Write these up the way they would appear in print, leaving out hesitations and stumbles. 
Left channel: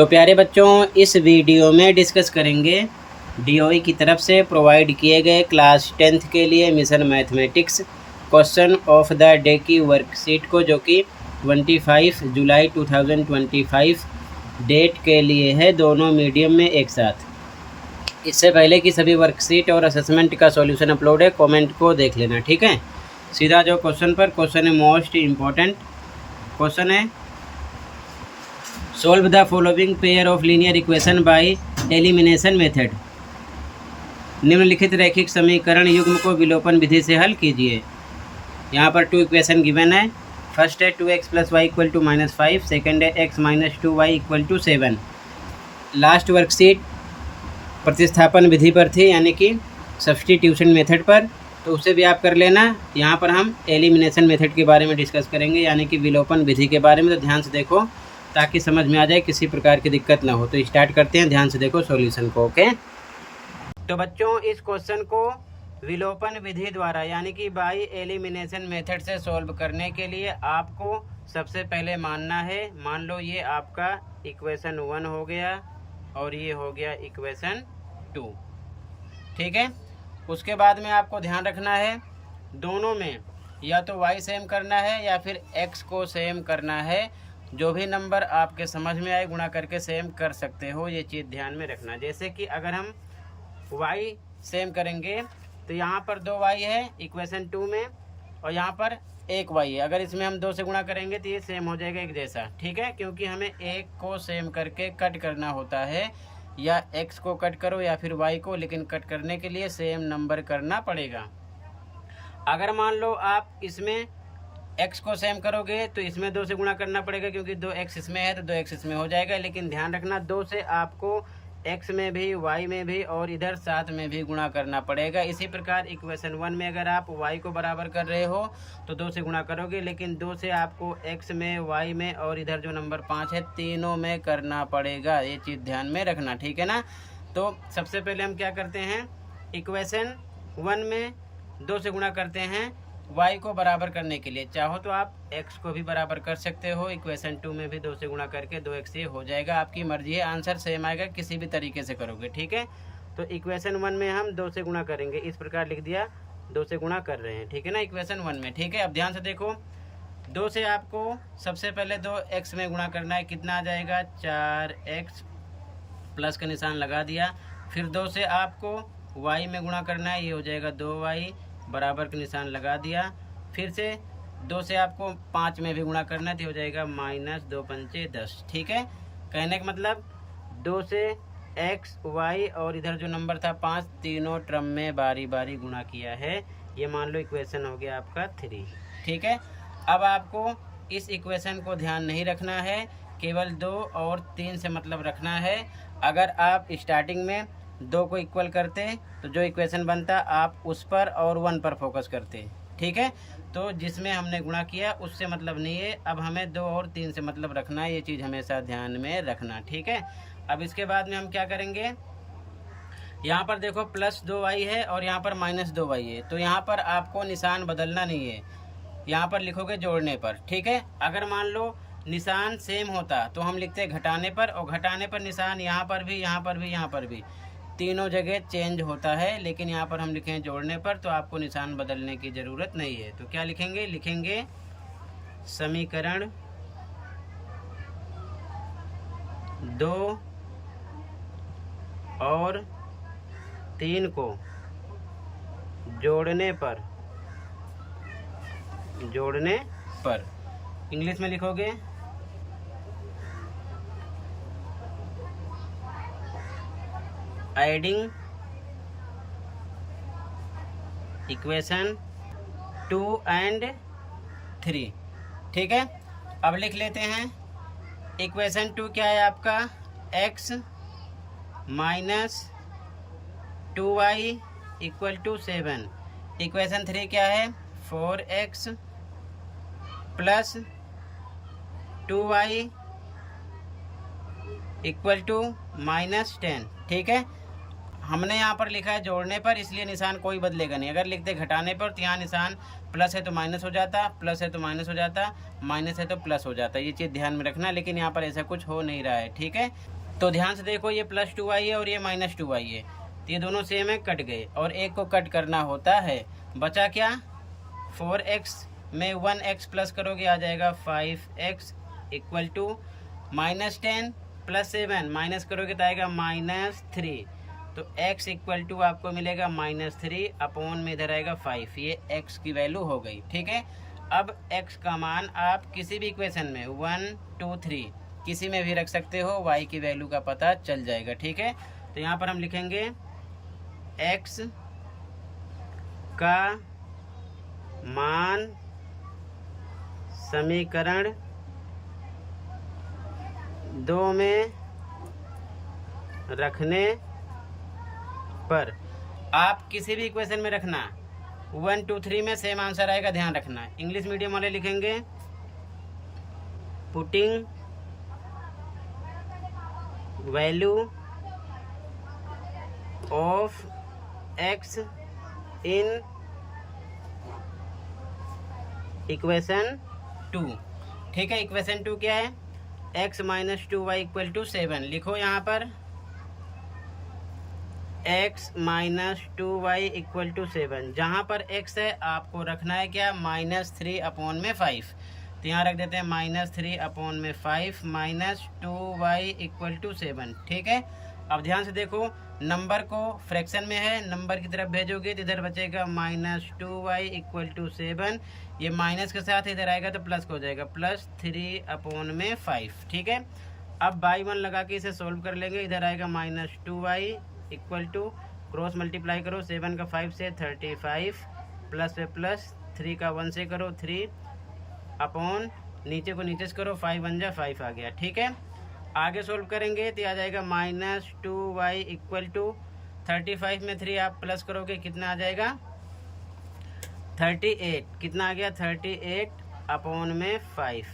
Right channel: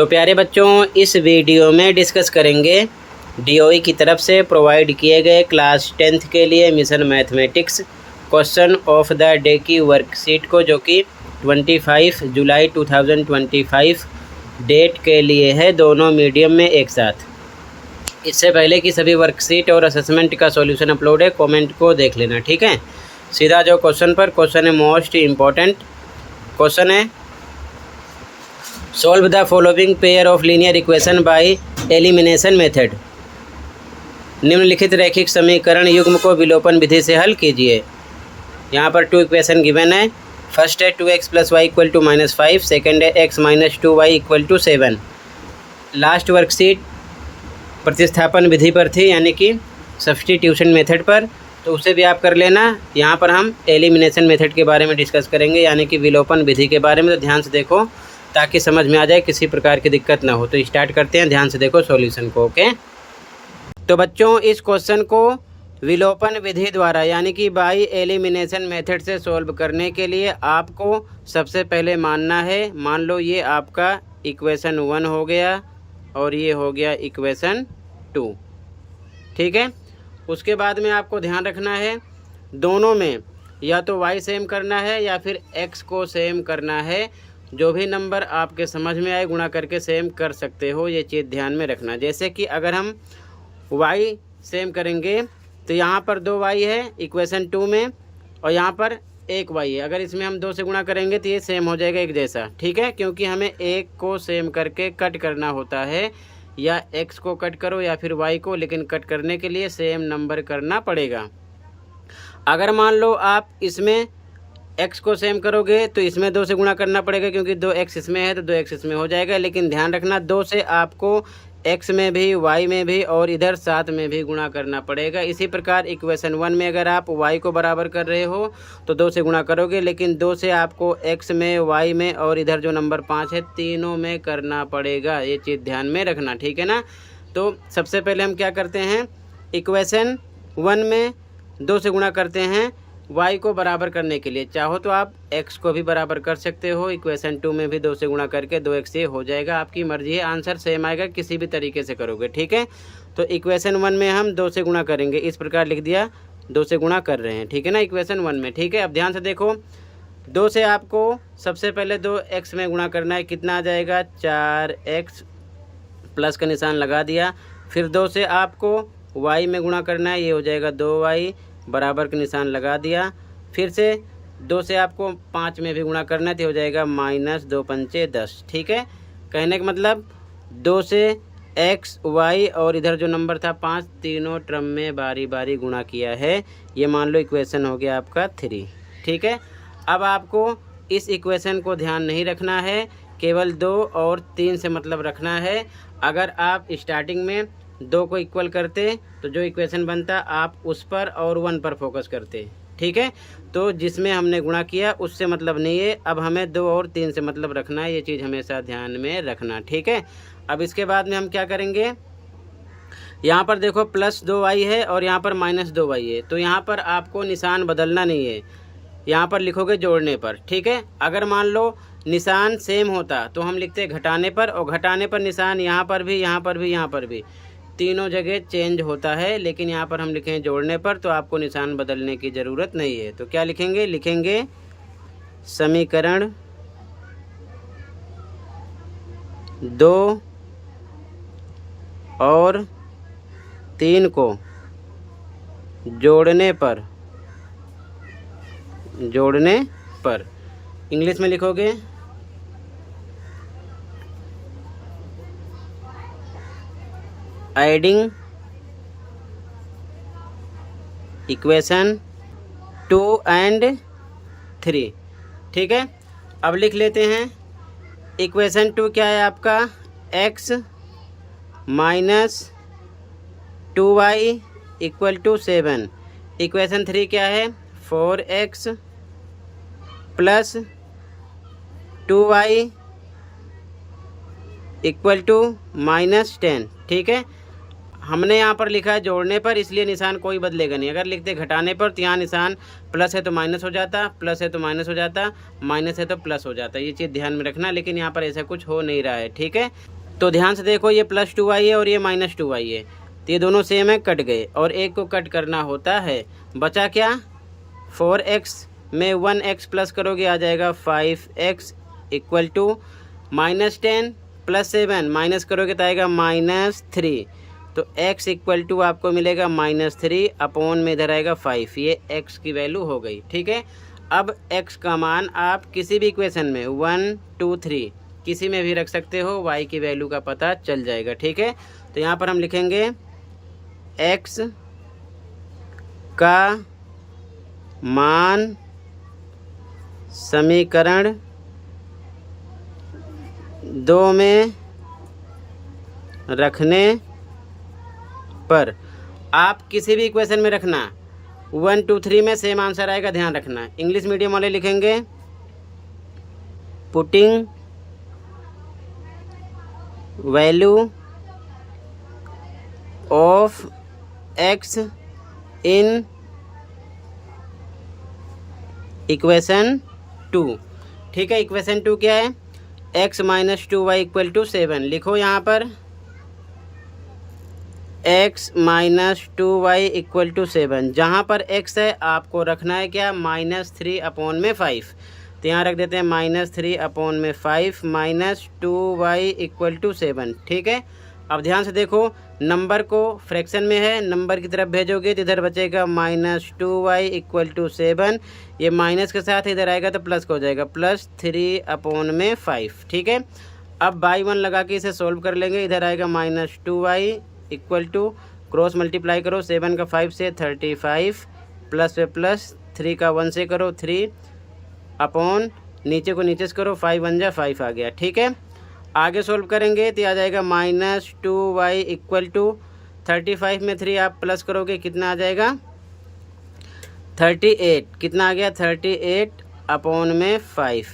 तो प्यारे बच्चों, इस वीडियो में डिस्कस करेंगे डीओई की तरफ से प्रोवाइड किए गए क्लास 10th के लिए mission mathematics question of the day की वर्कशीट को, जो कि 25 जुलाई 2025 डेट के लिए है, दोनों मीडियम में एक साथ। इससे पहले कि सभी वर्कशीट और असेसमेंट का सॉल्यूशन अपलोड है, कमेंट को देख लेना, ठीक है। सीधा जो क्वेश्चन है मोस्ट इम्पॉर्टेंट क्वेश्चन है, solve the following pair of linear equation by elimination method. निम्नलिखित रैखिक समीकरण युग्म को विलोपन विधि से हल कीजिए। यहाँ पर 2 इक्वेशन गिवन है। फर्स्ट है 2x + y = -5, सेकेंड है x - 2y = 7। लास्ट वर्कशीट प्रतिस्थापन विधि पर थी, यानी कि सब्स्टिट्यूशन मेथड पर, तो उसे भी आप कर लेना। यहाँ पर हम एलिमिनेशन मेथड के बारे में डिस्कस करेंगे, यानी कि विलोपन विधि के बारे में। तो ध्यान से देखो ताकि समझ में आ जाए, किसी प्रकार की दिक्कत ना हो। तो स्टार्ट करते हैं, ध्यान से देखो सॉल्यूशन को। ओके, तो बच्चों इस क्वेश्चन को विलोपन विधि द्वारा यानी कि बाय एलिमिनेशन मेथड से सॉल्व करने के लिए आपको सबसे पहले मानना है, मान लो ये आपका इक्वेशन 1 हो गया और ये हो गया इक्वेशन 2, ठीक है। उसके बाद में आपको ध्यान रखना है, दोनों में या तो y सेम करना है या फिर x को सेम करना है। जो भी नंबर आपके समझ में आए गुणा करके सेम कर सकते हो, ये चीज़ ध्यान में रखना। जैसे कि अगर हम y सेम करेंगे तो यहाँ पर 2y है इक्वेशन 2 में, और यहाँ पर 1y है। अगर इसमें हम 2 से गुणा करेंगे तो ये सेम हो जाएगा एक जैसा, ठीक है। क्योंकि हमें 1 को सेम करके कट करना होता है, या x को कट करो या फिर y को, लेकिन कट करने के लिए सेम नंबर करना पड़ेगा। अगर मान लो आप इसमें x को सेम करोगे तो इसमें 2 से गुणा करना पड़ेगा, क्योंकि 2x इसमें है तो 2x इसमें हो जाएगा। लेकिन ध्यान रखना 2 से आपको x में भी y में भी और इधर 7 में भी गुणा करना पड़ेगा। इसी प्रकार इक्वेशन 1 में अगर आप y को बराबर कर रहे हो तो 2 से गुणा करोगे, लेकिन 2 से आपको x में, y में और इधर जो नंबर 5 है तीनों में करना पड़ेगा। ये चीज़ ध्यान में रखना, ठीक है ना। तो सबसे पहले हम क्या करते हैं, इक्वेशन 1 में 2 से गुणा करते हैं y को बराबर करने के लिए। चाहो तो आप x को भी बराबर कर सकते हो, इक्वेशन 2 में भी 2 से गुणा करके 2x ये हो जाएगा, आपकी मर्जी है। आंसर सेम आएगा, किसी भी तरीके से करोगे, ठीक है। तो इक्वेशन 1 में हम 2 से गुणा करेंगे, इस प्रकार लिख दिया, 2 से गुणा कर रहे हैं, ठीक है ना, इक्वेशन 1 में, ठीक है। अब ध्यान से देखो, 2 से आपको सबसे पहले 2x में गुणा करना है, कितना आ जाएगा 4x, प्लस का निशान लगा दिया। फिर 2 से आपको y में गुणा करना है, ये हो जाएगा 2y, बराबर का निशान लगा दिया। फिर से 2 से आपको 5 में भी गुणा करना है, तो हो जाएगा -2 पंचे 10, ठीक है। कहने का मतलब 2 से x, y और इधर जो नंबर था 5, तीनों टर्म में बारी बारी गुणा किया है। ये मान लो इक्वेशन हो गया आपका 3, ठीक है। अब आपको इस इक्वेशन को ध्यान नहीं रखना है, केवल 2 और 3 से मतलब रखना है। अगर आप स्टार्टिंग में 2 को इक्वल करते तो जो इक्वेशन बनता आप उस पर और 1 पर फोकस करते, ठीक है। तो जिसमें हमने गुणा किया उससे मतलब नहीं है, अब हमें 2 और 3 से मतलब रखना है। ये चीज़ हमेशा ध्यान में रखना, ठीक है। अब इसके बाद में हम क्या करेंगे, यहाँ पर देखो +2y है और यहाँ पर -2y है, तो यहाँ पर आपको निशान बदलना नहीं है, यहाँ पर लिखोगे जोड़ने पर, ठीक है। अगर मान लो निशान सेम होता तो हम लिखते घटाने पर, और घटाने पर निशान यहाँ पर भी, यहाँ पर भी, यहाँ पर भी, तीनों जगह चेंज होता है। लेकिन यहाँ पर हम लिखें जोड़ने पर, तो आपको निशान बदलने की ज़रूरत नहीं है। तो क्या लिखेंगे, लिखेंगे समीकरण 2 और 3 को जोड़ने पर इंग्लिश में लिखोगे एडिंग इक्वेशन 2 एंड 3, ठीक है। अब लिख लेते हैं, इक्वेशन 2 क्या है आपका, x - 2y = 7। इक्वेशन 3 क्या है, 4x + 2y = -10, ठीक है। हमने यहाँ पर लिखा है जोड़ने पर, इसलिए निशान कोई बदलेगा नहीं। अगर लिखते घटाने पर तो यहाँ निशान प्लस है तो माइनस हो जाता, प्लस है तो माइनस हो जाता, माइनस है तो प्लस हो जाता। ये चीज़ ध्यान में रखना, लेकिन यहाँ पर ऐसा कुछ हो नहीं रहा है। ठीक है, तो ध्यान से देखो, ये +2y है और ये -2y है, तो ये दोनों सेम है, कट गए। और एक को कट करना होता है, बचा क्या, 4x में 1x प्लस करोगे आ जाएगा 5x इक्वल टू -10 + 7 माइनस करोगे तो आएगा -3। तो x इक्वल टू आपको मिलेगा -3 अपॉन में इधर आएगा 5। ये x की वैल्यू हो गई। ठीक है, अब x का मान आप किसी भी इक्वेशन में 1, 2, 3 किसी में भी रख सकते हो, y की वैल्यू का पता चल जाएगा। ठीक है, तो यहाँ पर हम लिखेंगे x का मान समीकरण 2 में रखने पर, आप किसी भी इक्वेशन में रखना, 1, 2, 3 में सेम आंसर आएगा, ध्यान रखना। इंग्लिश मीडियम वाले लिखेंगे putting value of x in equation 2। ठीक है, इक्वेशन 2 क्या है, x - 2y इक्वल टू 7। लिखो यहाँ पर x - 2y इक्वल टू 7। जहाँ पर x है आपको रखना है क्या, -3 अपॉन में 5। तो यहाँ रख देते हैं -3 अपॉन में 5 -2y इक्वल टू 7। ठीक है, अब ध्यान से देखो, नंबर को फ्रैक्शन में है, नंबर की तरफ भेजोगे तो इधर बचेगा -2y इक्वल टू 7। ये माइनस के साथ इधर आएगा तो प्लस का हो जाएगा, +3 अपॉन में 5। ठीक है, अब बाई 1 लगा के इसे सोल्व कर लेंगे। इधर आएगा -2y equal to, cross multiply करो, 7 का 5 से 35, प्लस पे प्लस, 3 का 1 से करो 3 अपॉन, नीचे को नीचे से करो, 5 1 जा 5 आ गया। ठीक है, आगे सोल्व करेंगे तो आ जाएगा -2y इक्वल टू 35 में 3 आप प्लस करोगे कितना आ जाएगा, 38। कितना आ गया, 38 अपॉन में 5।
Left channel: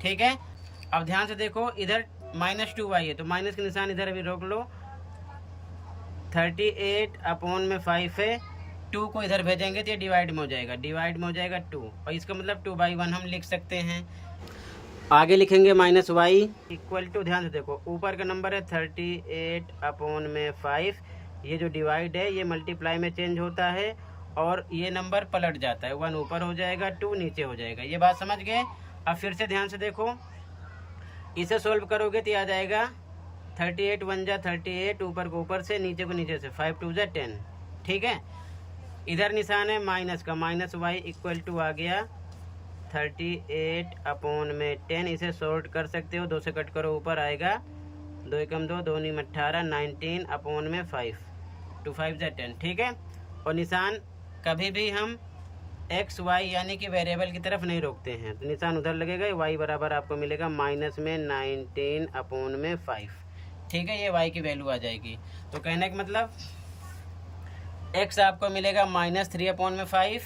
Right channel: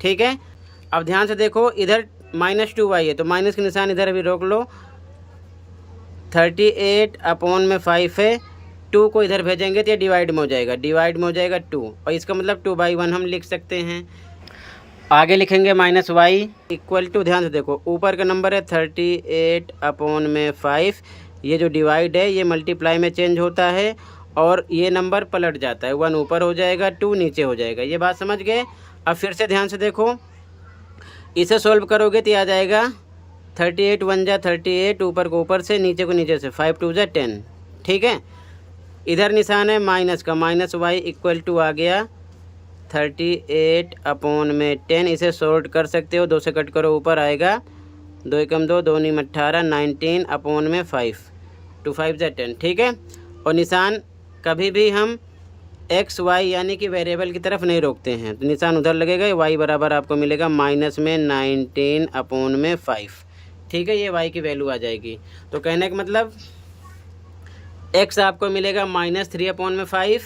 ठीक है, अब ध्यान से देखो, इधर -2y है तो माइनस के निशान इधर भी रोक लो, 38 अपॉन में 5 है, 2 को इधर भेजेंगे तो ये डिवाइड में हो जाएगा, डिवाइड में हो जाएगा 2, और इसका मतलब 2/1 हम लिख सकते हैं। आगे लिखेंगे -y इक्वल टू, ध्यान से देखो, ऊपर का नंबर है 38 अपॉन में 5, ये जो डिवाइड है ये मल्टीप्लाई में चेंज होता है और ये नंबर पलट जाता है, 1 ऊपर हो जाएगा 2 नीचे हो जाएगा। ये बात समझ गए। अब फिर से ध्यान से देखो, इसे सोल्व करोगे तो आ जाएगा 38 1 जा 38, ऊपर को ऊपर से, नीचे को नीचे से, 5 2 जा 10। ठीक है, इधर निशान है माइनस का, -y इक्वल टू आ गया 38 अपॉन में 10। इसे सॉल्व कर सकते हो, 2 से कट करो, ऊपर आएगा 2 एकम 2, 2 नीम 18, 19 अपॉन में 5, 2 5 जा 10। ठीक है, और निशान कभी भी हम x y यानी कि वेरिएबल की तरफ नहीं रोकते हैं, तो निशान उधर लगेगा, y बराबर आपको मिलेगा -19 अपॉन में 5। ठीक है, ये y की वैल्यू आ जाएगी। तो कहने का मतलब x आपको मिलेगा -3 अपॉन में 5,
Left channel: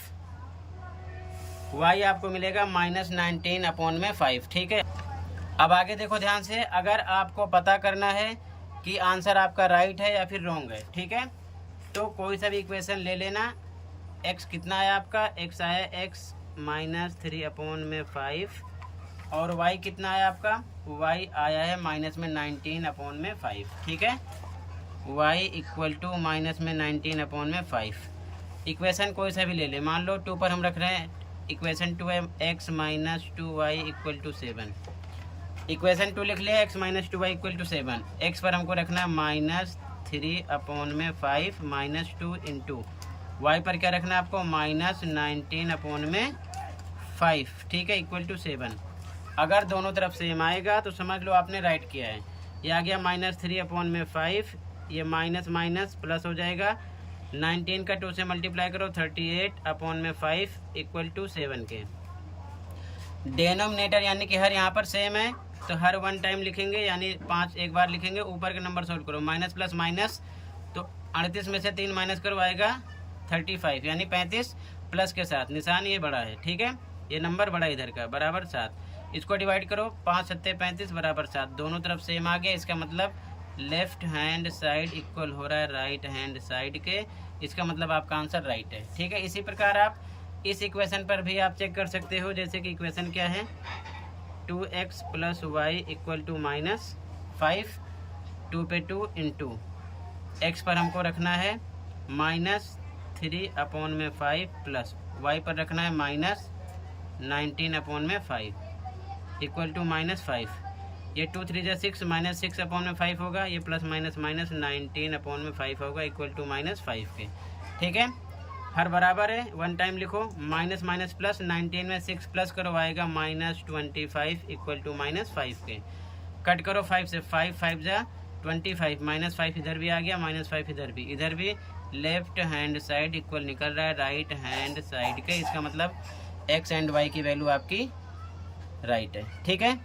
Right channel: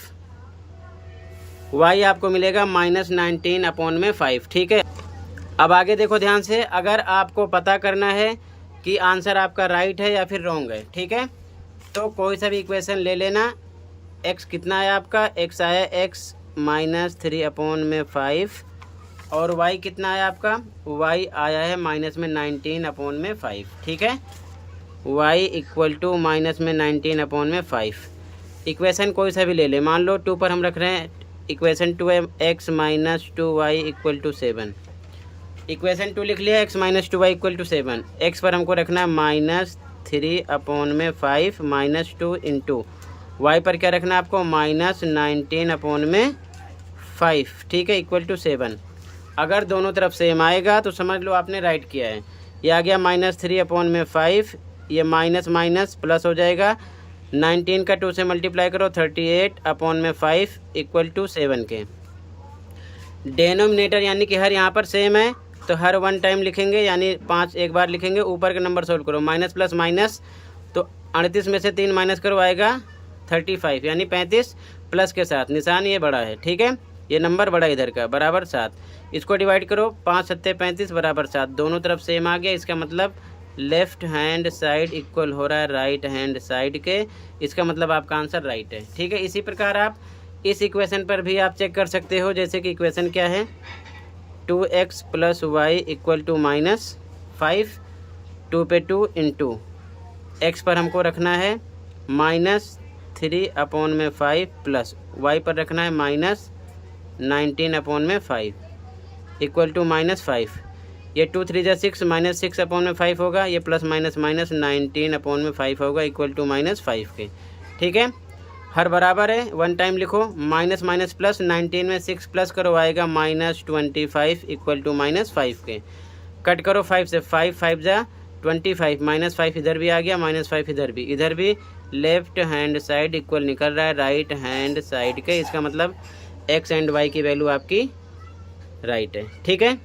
y आपको मिलेगा -19 अपॉन में 5। ठीक है, अब आगे देखो ध्यान से, अगर आपको पता करना है कि आंसर आपका राइट है या फिर रॉन्ग है, ठीक है, तो कोई सा भी इक्वेशन ले लेना। x कितना है आपका, x आया x -3 अपॉन में 5, और y कितना आया आपका, y आया है -19 अपॉन में 5। ठीक है, y इक्वल टू -19 अपॉन में 5। इक्वेशन कोई सा भी ले ले, मान लो 2 पर हम रख रहे हैं, इक्वेशन 2 है x - 2y equal to 7। Equation 2 लिख लिया, x - 2y equal to 7। x पर हमको रखना है -3 अपॉन में 5 -2 इंटू, y पर क्या रखना है आपको, -19 अपॉन में 5। ठीक है, इक्वल टू 7। अगर दोनों तरफ सेम आएगा तो समझ लो आपने राइट किया है। ये आ गया -3 अपॉन में 5, ये माइनस माइनस प्लस हो जाएगा, 19 का 2 से मल्टीप्लाई करो, 38 अपॉन में 5 इक्वल टू 7 के। डेनोमिनेटर यानी कि हर यहाँ पर सेम है तो हर 1 टाइम लिखेंगे, यानी 5 एक बार लिखेंगे। ऊपर का नंबर सोल्व करो, माइनस प्लस माइनस, तो 38 में से 3 माइनस करो आएगा 35, यानी 35 प्लस के साथ निशान ये बड़ा है। ठीक है, ये नंबर बड़ा इधर का, बराबर 7। इसको डिवाइड करो, 5 7 35 बराबर 7, दोनों तरफ सेम आ गया। इसका मतलब लेफ्ट हैंड साइड इक्वल हो रहा है राइट हैंड साइड के, इसका मतलब आपका आंसर राइट है। ठीक है, इसी प्रकार आप इस इक्वेशन पर भी आप चेक कर सकते हो। जैसे कि इक्वेशन क्या है, 2x + y इक्वल टू -5, 2 पे 2 इंटू x पर हमको रखना है -3/5 प्लस y पर रखना है -19/5 इक्वल टू -5। ये 2 3 जा 6, -6/5 होगा, ये प्लस माइनस माइनस 19/5 होगा इक्वल टू -5 के। ठीक है, हर बराबर है, वन टाइम लिखो, माइनस माइनस प्लस, 19 में 6 प्लस करो आएगा -25 इक्वल टू -5 के। कट करो 5 से, 5 जा 25, -5 इधर भी आ गया, -5 इधर भी लेफ्ट हैंड साइड इक्वल निकल रहा है राइट हैंड साइड के, इसका मतलब x एंड y की वैल्यू आपकी राइट है। ठीक है,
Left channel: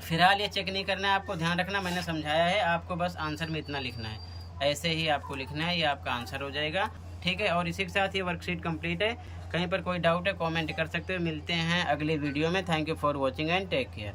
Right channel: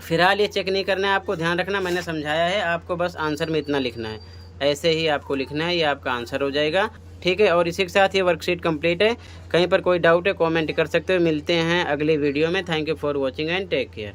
फिलहाल ये चेक नहीं करना है आपको, ध्यान रखना मैंने समझाया है, आपको बस आंसर में इतना लिखना है, ऐसे ही आपको लिखना है, ये आपका आंसर हो जाएगा। ठीक है, और इसी के साथ ये वर्कशीट कंप्लीट है। कहीं पर कोई डाउट है कमेंट कर सकते हो। मिलते हैं अगले वीडियो में। Thank you for watching and take care.